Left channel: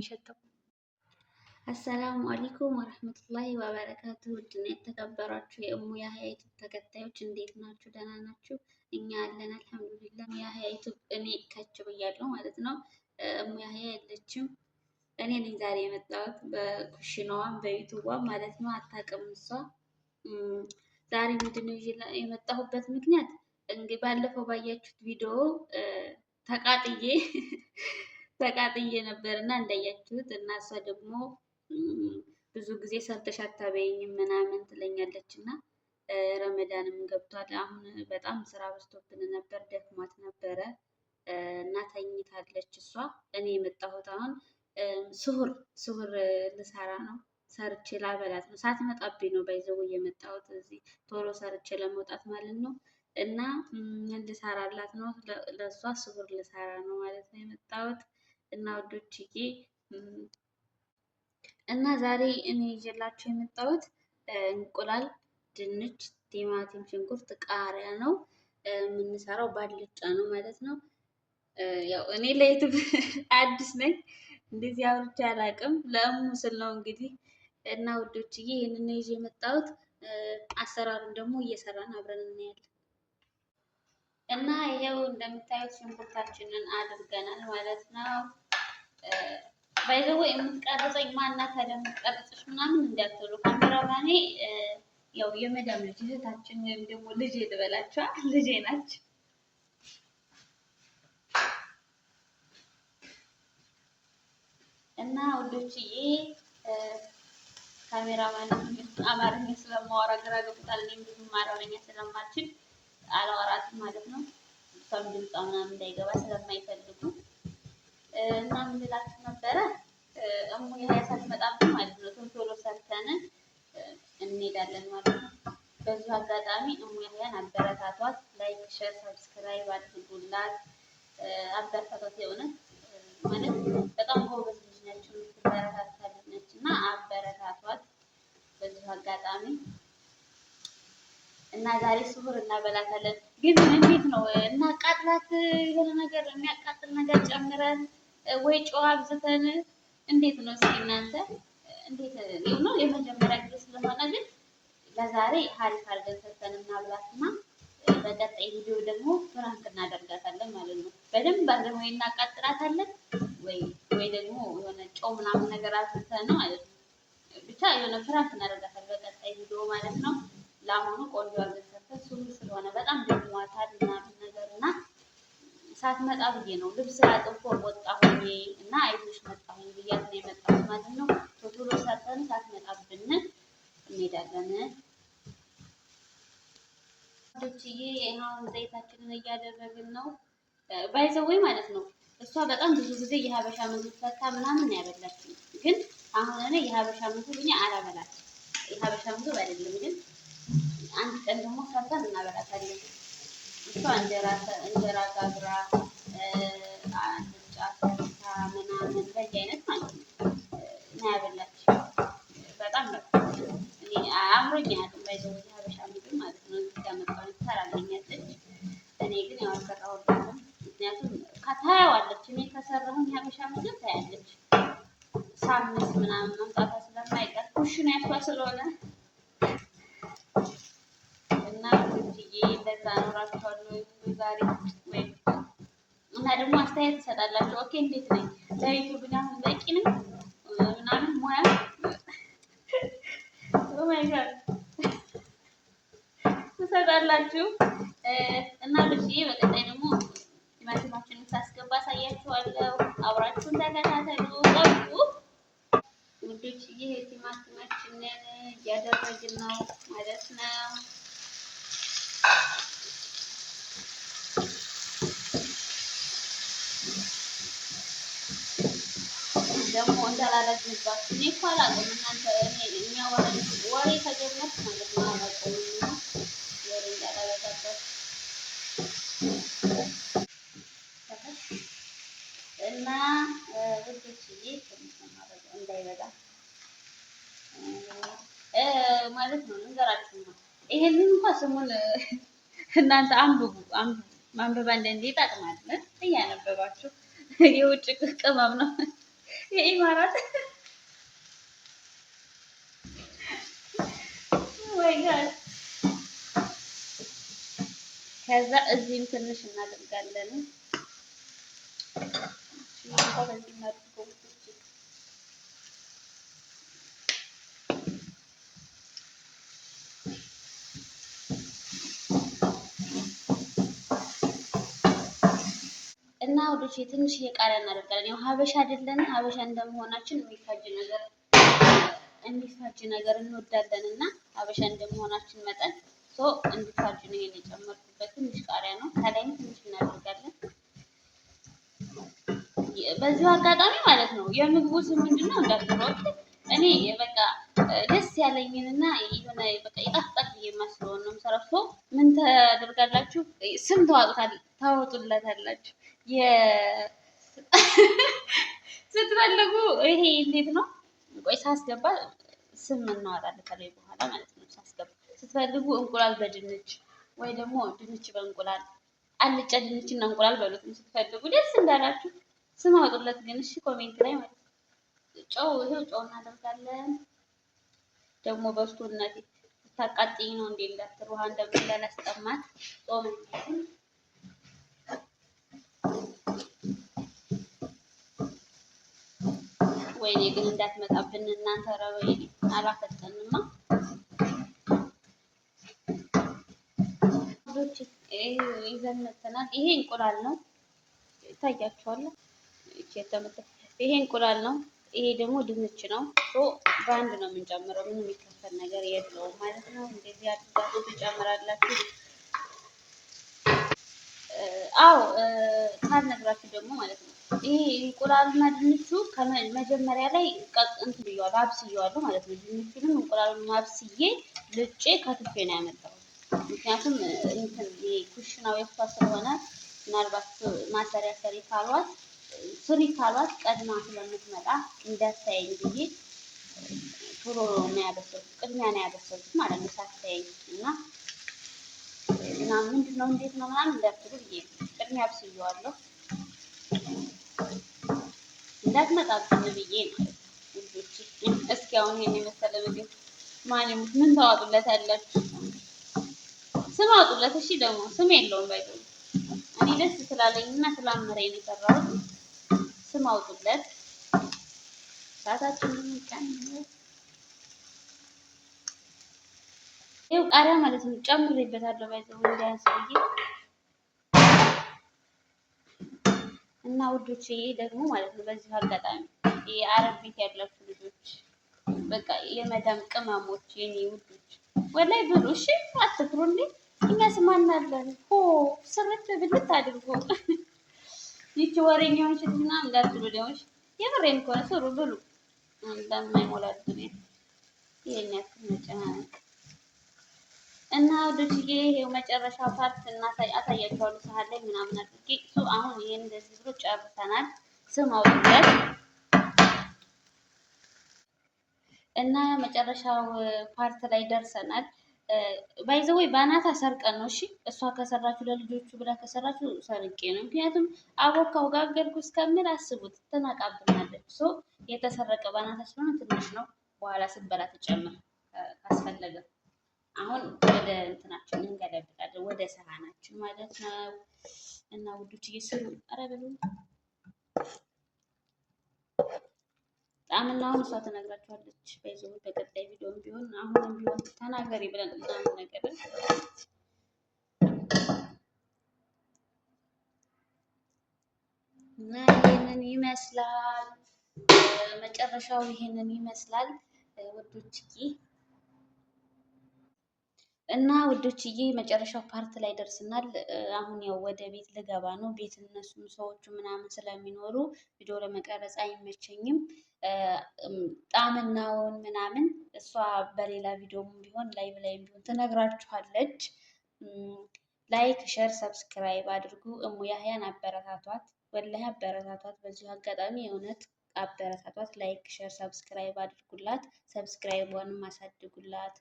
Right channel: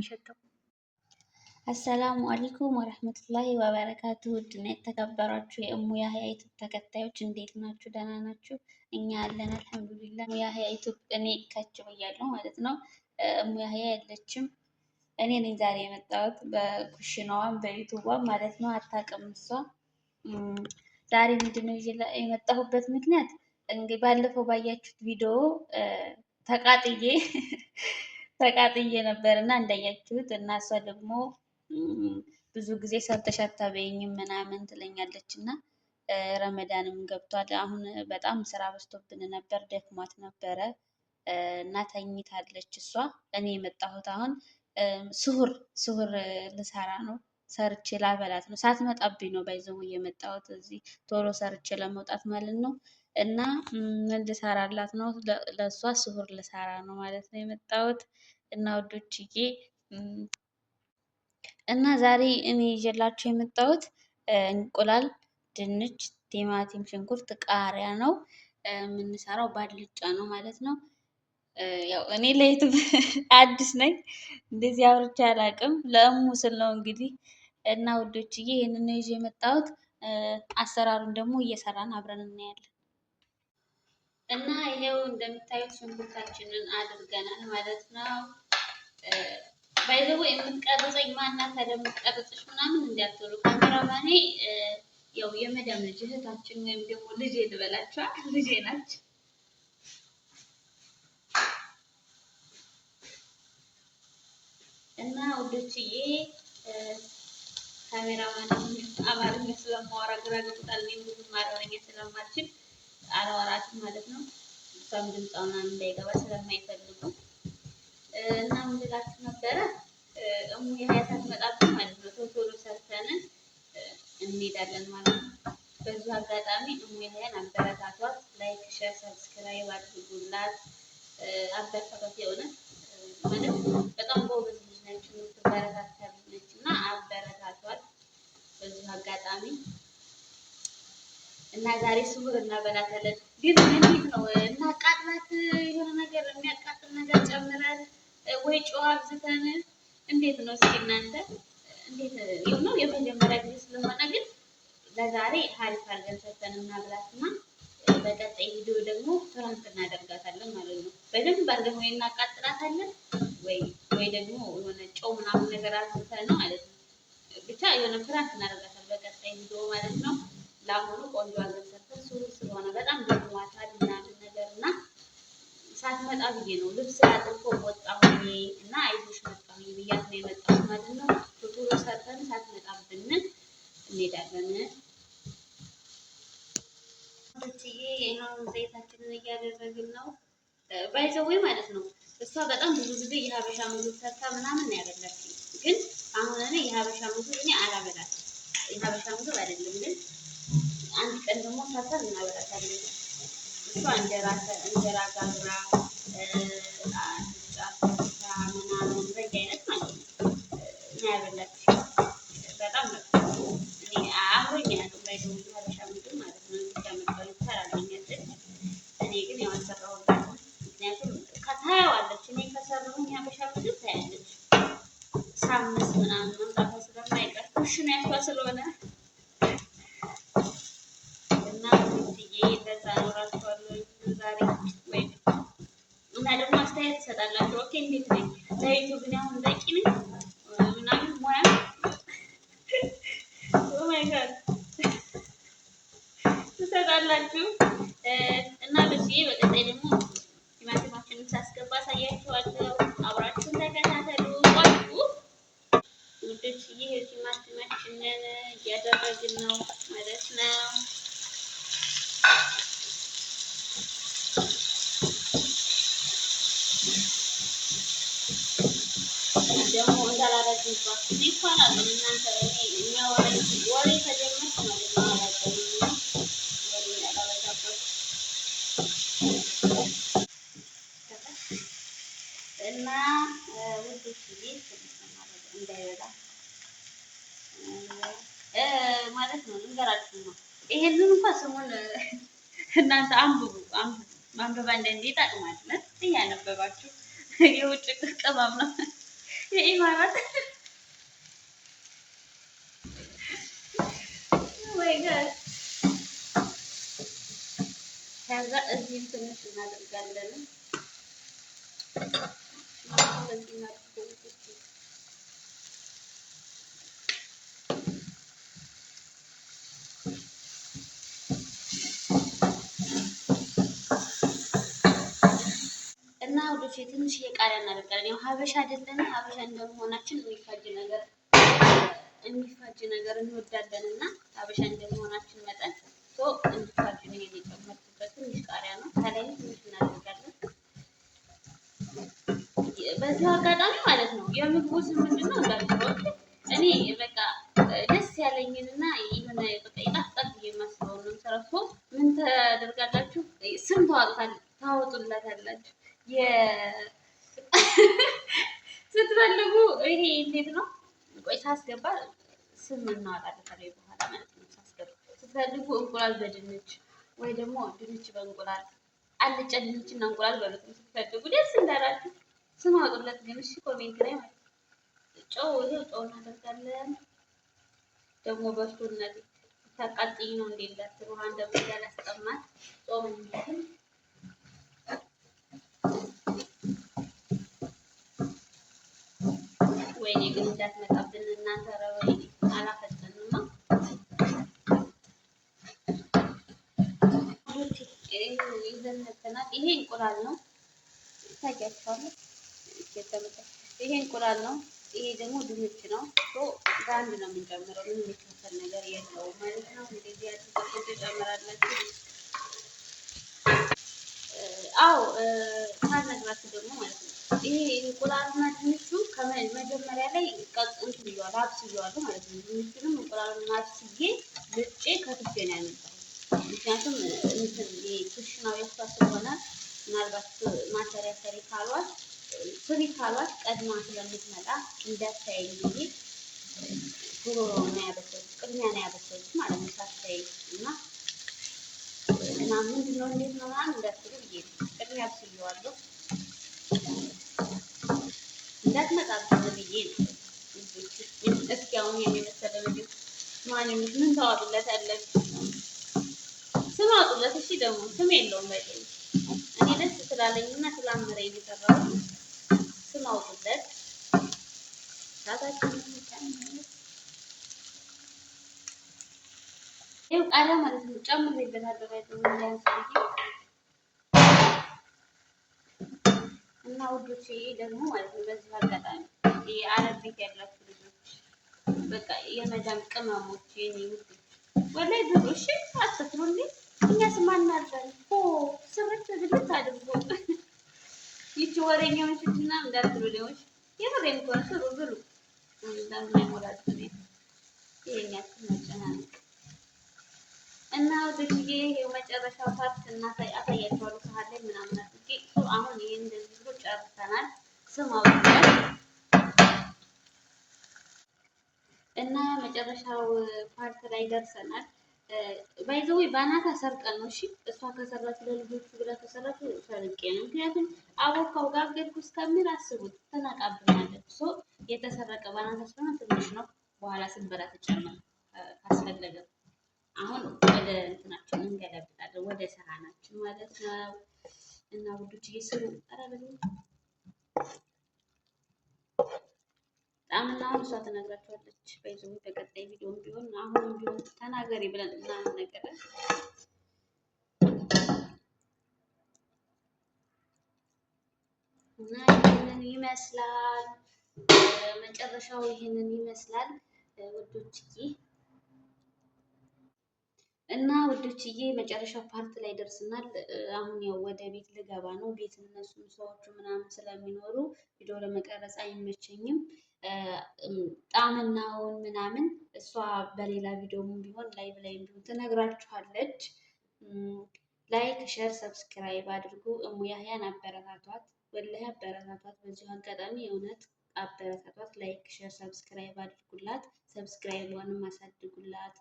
የሚሸተው። አሰላሙ አለይኩም ወረህመቱላሂ ወበረካቱ። ውድና የተከበራችሁ የእሙ ያህያ ዩቱብ ተከታዮች እንዴት ናችሁ? ደህና ናችሁ? እኛ አለን አልሐምዱሊላህ። እሙ ያህያ ዩቱብ እኔ ከች ብያለሁ ማለት ነው። እሙ ያህያ የለችም። እኔ ነኝ ዛሬ የመጣሁት በኩሽናዋም በዩቱቧም ማለት ነው። አታውቅም እሷ። ዛሬ ምንድነው የመጣሁበት ምክንያት እንግዲህ ባለፈው ባያችሁት ቪዲዮ ተቃጥዬ ነበር እና እንዳያችሁት እና እሷ ደግሞ ብዙ ጊዜ ሰርተሽ አታበይኝም ምናምን ትለኛለች እና ረመዳንም ገብቷል። አሁን በጣም ስራ በዝቶብን ነበር፣ ደክሟት ነበረ እና ተኝታለች እሷ። እኔ የመጣሁት አሁን ስሁር ልሰራ ነው። ሰርቼ ላበላት ነው። ሳትመጣብኝ ነው ባይዘው የመጣሁት እዚህ ቶሎ ሰርቼ ለመውጣት ማለት ነው። እና ምን ልሰራላት ነው? ለእሷ ስሁር ልሰራ ነው ማለት ነው የመጣሁት። እና ወዶችዬ እና ዛሬ እኔ ይዤላችሁ የመጣሁት እንቁላል፣ ድንች፣ ቲማቲም፣ ሽንኩርት፣ ቃሪያ ነው የምንሰራው። ባልጫ ነው ማለት ነው። ያው እኔ ለዩቱብ አዲስ ነኝ፣ እንደዚህ አውርቼ አላውቅም። ለእሙ ስል ነው እንግዲህ። እና ውዶችዬ ይህንን ነው ይዤ የመጣሁት። አሰራሩን ደግሞ እየሰራን አብረን እናያለን። እና ይሄው እንደምታዩት ሽንኩርታችንን አድርገናል ማለት ነው። ባይዘው የምትቀርጸኝ ማናት የምትቀርጽሽ ምናምን እንዳትሉ። ካሜራማኔ ያው የመዳም ልጅ እህታችን ወይም ደግሞ ልጄ ልበላችኋል፣ ልጄ ናቸው። እና ወዶችዬ ካሜራማን አማርኛ ስለማወራ ግራ ገብቷል። እኔም ብዙም አማርኛ ስለማልችል አልወራትም ማለት ነው። እሷም ድምጿ ምናምን እንዳይገባ ስለማይፈልጉ እና ምን ልላችሁ ነበረ፣ እሙ ያህያ ሳትመጣብን ማለት ነው ቶሎ ሰርተን እንሄዳለን ማለት ነው። በዚሁ አጋጣሚ እሙ ያህያን አበረታቷት፣ ላይክ፣ ሼር፣ ሰብስክራይብ አድርጉላት፣ አበረታቷት። የእውነት ማለት በጣም ጎበዝ ልጅ ነች፣ የምትበረታታ ነች እና አበረታቷት በዚሁ አጋጣሚ። እና ዛሬ ስሁር እናበላታለን። ግን እንዴት ነው እናቃጥላት? የሆነ ነገር የሚያቃጥል ነገር ጨምረን ወይ ጨው አብዝተን እንዴት ነው? እስኪ እናንተ እንዴት ነው? የመጀመሪያ ጊዜ ስለሆነ ግን ለዛሬ ሀሪፍ አድርገን ሰርተን እናብላትና በቀጣይ ቪዲዮ ደግሞ ፍራንክ እናደርጋታለን ማለት ነው። በደንብ አድርገን ወይ እናቃጥላታለን ወይ ደግሞ የሆነ ጨው ምናምን ነገር አብዝተን ማለት ነው። ብቻ የሆነ ፍራንክ እናደርጋታለን በቀጣይ ቪዲዮ ማለት ነው። ለአሁኑ ቆንጆ አድርገን ሰርተን ስሁር ስለሆነ በጣም ደክሟታል ምናምን ነገር እና ሳትመጣ ብዬ ነው ልብስ አጥፎ ወጣሁኝ እና አይዞሽ መጣሁኝ ብያት ነው የመጣሁት ማለት ነው። ቶሎ ሰርተን ሳትመጣብን እንሄዳለን። ወዶችዬ አሁን ዘይታችንን እያደረግን ነው። ባይዘወይ ማለት ነው። እሷ በጣም ብዙ ጊዜ የሀበሻ ምግብ ሰርታ ምናምን ያበላችኝ፣ ግን አሁን እኔ የሀበሻ ምግብ እኔ አላበላችም። የሀበሻ ምግብ አይደለም ግን አንድ ቀን ደግሞ ሰርተን እናበላታለን። እሷ እንጀራ ጋግራ አልጫ ሰርታ ምናምን በየአይነት ማለት ነው እና ያበላችኝ በጣም ነው። እኔ አምሮኝ አያውቅም ባይዘው የሀበሻ ምግብ ማለት ነው። እዚህ ጋር መጣሁ ትሰራልኛለች። እኔ ግን ያው አልሰራሁላትም፣ ምክንያቱም ታያዋለች። እኔ ከሰራሁኝ የሀበሻ ምግብ ታያለች። ሳምስ ምናምን መምጣቷ ስለማይቀር ኩሽና ያቷ ስለሆነ እና ውድዬ እንደዛ ኖራችኋለሁ ዛሬ ወይ እና ደግሞ አስተያየት ትሰጣላችሁ። ኦኬ እንዴት ነኝ? ለዩቱብ ግን አሁን በቂ ነኝ ምናምን ሙያ ኦማይጋድ ትሰጣላችሁ። እና ብዬ በቀጣይ ደግሞ ቲማቲማችንን ሳስገባ አሳያችኋለሁ። አብራችሁን ተከታተሉ። ቆዩ ውዶችዬ፣ ቲማቲማችንን እያደረግን ነው ማለት ነው። ደግሞ እንዳላረግባችሁ እኔ እኮ አላውቅም። እናንተ የሚያወራኝ ወሬ ከጀመርኩ ማለት ነው አላውቅም ወሬ እንዳላረጋባችሁ እና ውዶችዬ ትንሽ ማድረግ እንዳይበዛ ማለት ነው። እንገራችሁ ነው። ይሄንን እንኳን ስሙን እናንተ አንብቡ። ማንበብ አንዳንዴ ይጠቅማል። እያነበባችሁ የውጭ ቅመም ነው የኢማራት ወይ ጋር ከዛ እዚህም ትንሽ እናደርጋለን። እና ወዶች ትንሽ ቃሪያ እናደርጋለን። ያው ሀበሻ አይደለን፣ ሀበሻ እንደመሆናችን የሚፋጅ ነገር እንወዳለን እና ሀበሻ እንደመሆናችን መጠን እንዲፋጅ ነው ይሄን የጨመርኩበት። ትንሽ ቃሪያ ነው፣ ከላይም ትንሽ እናደርጋለን። በዚሁ አጋጣሚ ማለት ነው የምግቡ ስም ምንድን ነው እንዳትለው፣ እኔ በቃ ደስ ያለኝንና የሆነ በቃ ይጣፍጣል ብዬ የማስበውን ነው የምሰራው። ምን ታደርጋላችሁ? ስም ታወጡለታላችሁ ስትፈልጉ። ይሄ እንዴት ነው? ቆይ ሳስገባ ስም እናወጣለን ከላይ በኋላ ማለት ነው። ሳስገባ ስትፈልጉ እንቁላል በድንች ወይ ደግሞ ድንች በእንቁላል አልጫ ድንች እና እንቁላል በሉት ስትፈልጉ ደስ እንዳላችሁ ስም አውጡለት። ግን እሺ ኮሜንት ላይ ማለት ነው። ይሄው ጨው እናደርጋለን። ደግሞ በስቶነቴ ታቃጥኝ ነው እንዴ እንዳትሉ ውሃ እንዳላስጠማት ጾም ወይኔ ግን እንዳትመጣብን እናንተ ረበይ አላፈጠንማ። ይዘን መተናል። ይሄ እንቁላል ነው ይታያችኋል። ይሄ እንቁላል ነው። ይሄ ደግሞ ድንች ነው። በአንድ ነው የምንጨምረው። ምንም የሚከፈል ነገር የለውም ማለት ነው። እንደዚህ አድርጋችሁ ትጨምራላችሁ። አዎ ካልነግራችሁ ደግሞ ማለት ነው ይሄ እንቁላልና ድንቹ ከመጀመሪያ ላይ እንትን ብየዋለሁ፣ አብስዬዋለሁ ማለት ነው። ድንቹንም እንቁላሉን አብስዬ ልጬ ከትፌ ነው ያመጣው። ምክንያቱም እንትን ኩሽናው የእሷ ስለሆነ ምናልባት ማሰሪያ ስሪ ካሏት ቀድማ ስለምትመጣ እንዳታየኝ ብዬ ቶሎ ነው ያበሰልኩት። ቅድሚያ ነው ያበሰልኩት ማለት ነው ሳታየኝ እና ምንድን ነው እንዴት ነው ምናምን እንዳትሉ ብዬ ቅድሚያ አብስዬዋለሁ እንዳትመጣብን ብዬ ነው። እስኪ አሁን ይሄን የመሰለ ምግብ ምን ታዋጡለታላችሁ? ስም አውጡለት። እሺ ደግሞ ስም የለውም ባይ እኔ ደስ ስላለኝና ስላመረኝ ነው የሰራሁት። ስም አውጡለት። ሳታችንን ጨምር። ይኸው ቃሪያ ማለት ነው ጨምሬበታለሁ ባይ እንዳያንስ ብዬ እና ውዶችዬ ደግሞ ማለት ነው በዚህ አጋጣሚ የአረብ ቤት ያላችሁ ልጆች በቃ የመዳም ቅመሞች የኔ ውዶች ወላይ ብሉ እሺ፣ አትፍሩ እንዴ። እኛ ስማናለን ሆ ስርት ብልት አድርጎ ይቺ ወሬኛውን ሽትና እንዳትሉ ደውሽ የምሬን ከሆነ ስሩ ብሉ እንደማይሞላችሁ ነው የኛ መጨናነቅ እና ወደዚህ ይሄው መጨረሻ ፓርት አሳያችኋለሁ። ሰሃን ላይ ምናምን አድርጌ አሁን ይሄን እንደዚህ ብሎ ጨርሰናል። ስም አውጥተን እና መጨረሻው ፓርት ላይ ደርሰናል። ባይዘዌ ባናታ ሰርቀን ነው። እሺ እሷ ከሰራችሁ ለልጆቹ ብላ ከሰራችሁ ሰርቄ ነው። ምክንያቱም አቦካው ጋገርኩ እስከምን አስቡት ትነቃብናለች። የተሰረቀ ባናታ ስለሆነ ትንሽ ነው። በኋላ ስንበላ ተጨምር ካስፈለገ አሁን ወደ እንትናችን እንገለብጣለን፣ ወደ ሰሃናችን ማለት ነው። እና ውዶች እየስሩ አረበሉ ጣምናውን እሷ ትነግራችኋለች። በይዘው በቀጣይ ቪዲዮም ቢሆን አሁንም ቢሆን ተናገሪ ብለን ምናምን ነገር እና ይሄንን ይመስላል። መጨረሻው ይሄንን ይመስላል ውዶችዬ። እና ውዶችዬ መጨረሻው ፓርት ላይ ደርስናል። አሁን ያው ወደ ቤት ልገባ ነው። ቤት እነሱም ሰዎቹ ምናምን ስለሚኖሩ ቪዲዮ ለመቀረጽ አይመቸኝም። ጣምናውን ምናምን እሷ በሌላ ቪዲዮም ቢሆን ላይቭ ላይም ቢሆን ትነግራችኋለች። ላይክ፣ ሸር፣ ሰብስክራይብ አድርጉ። እሙ ያህያን አበረታቷት፣ ወላሂ አበረታቷት። በዚሁ አጋጣሚ የእውነት አበረታቷት። ላይክ፣ ሸር፣ ሰብስክራይብ አድርጉላት። ሰብስክራይቧንም አሳድጉላት።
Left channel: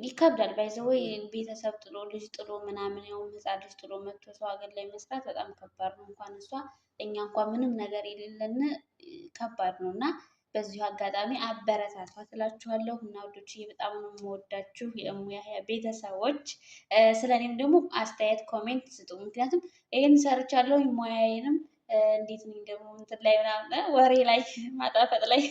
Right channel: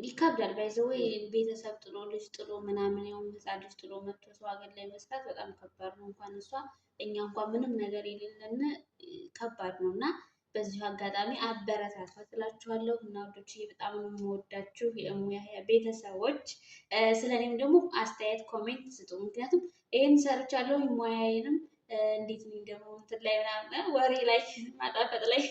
ይከብዳል ባይዘወይ ቤተሰብ ጥሎ ልጅ ጥሎ ምናምን ያው ህፃን ልጅ ጥሎ መጥቶ ሰው ሀገር ላይ መስራት በጣም ከባድ ነው። እንኳን እሷ እኛ እንኳን ምንም ነገር የሌለን ከባድ ነው እና በዚሁ አጋጣሚ አበረታቷት እላችኋለሁ። እና ውዶችዬ በጣም ነው የምወዳችሁ የእሙ ያህያ ቤተሰቦች። ስለኔም ደግሞ አስተያየት ኮሜንት ስጡ። ምክንያቱም ይህን ሰርቻለሁ ሙያዬንም እንዴት ነኝ ደግሞ እንትን ላይ ምናምን ወሬ ላይ ማጣፈጥ ላይ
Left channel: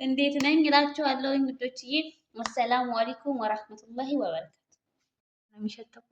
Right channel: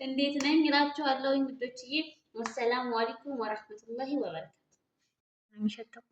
እንዴት ነኝ እላችኋለሁ ውዶችዬ። ወሰላሙ አለይኩም ወራህመቱላሂ ወበረካቱ።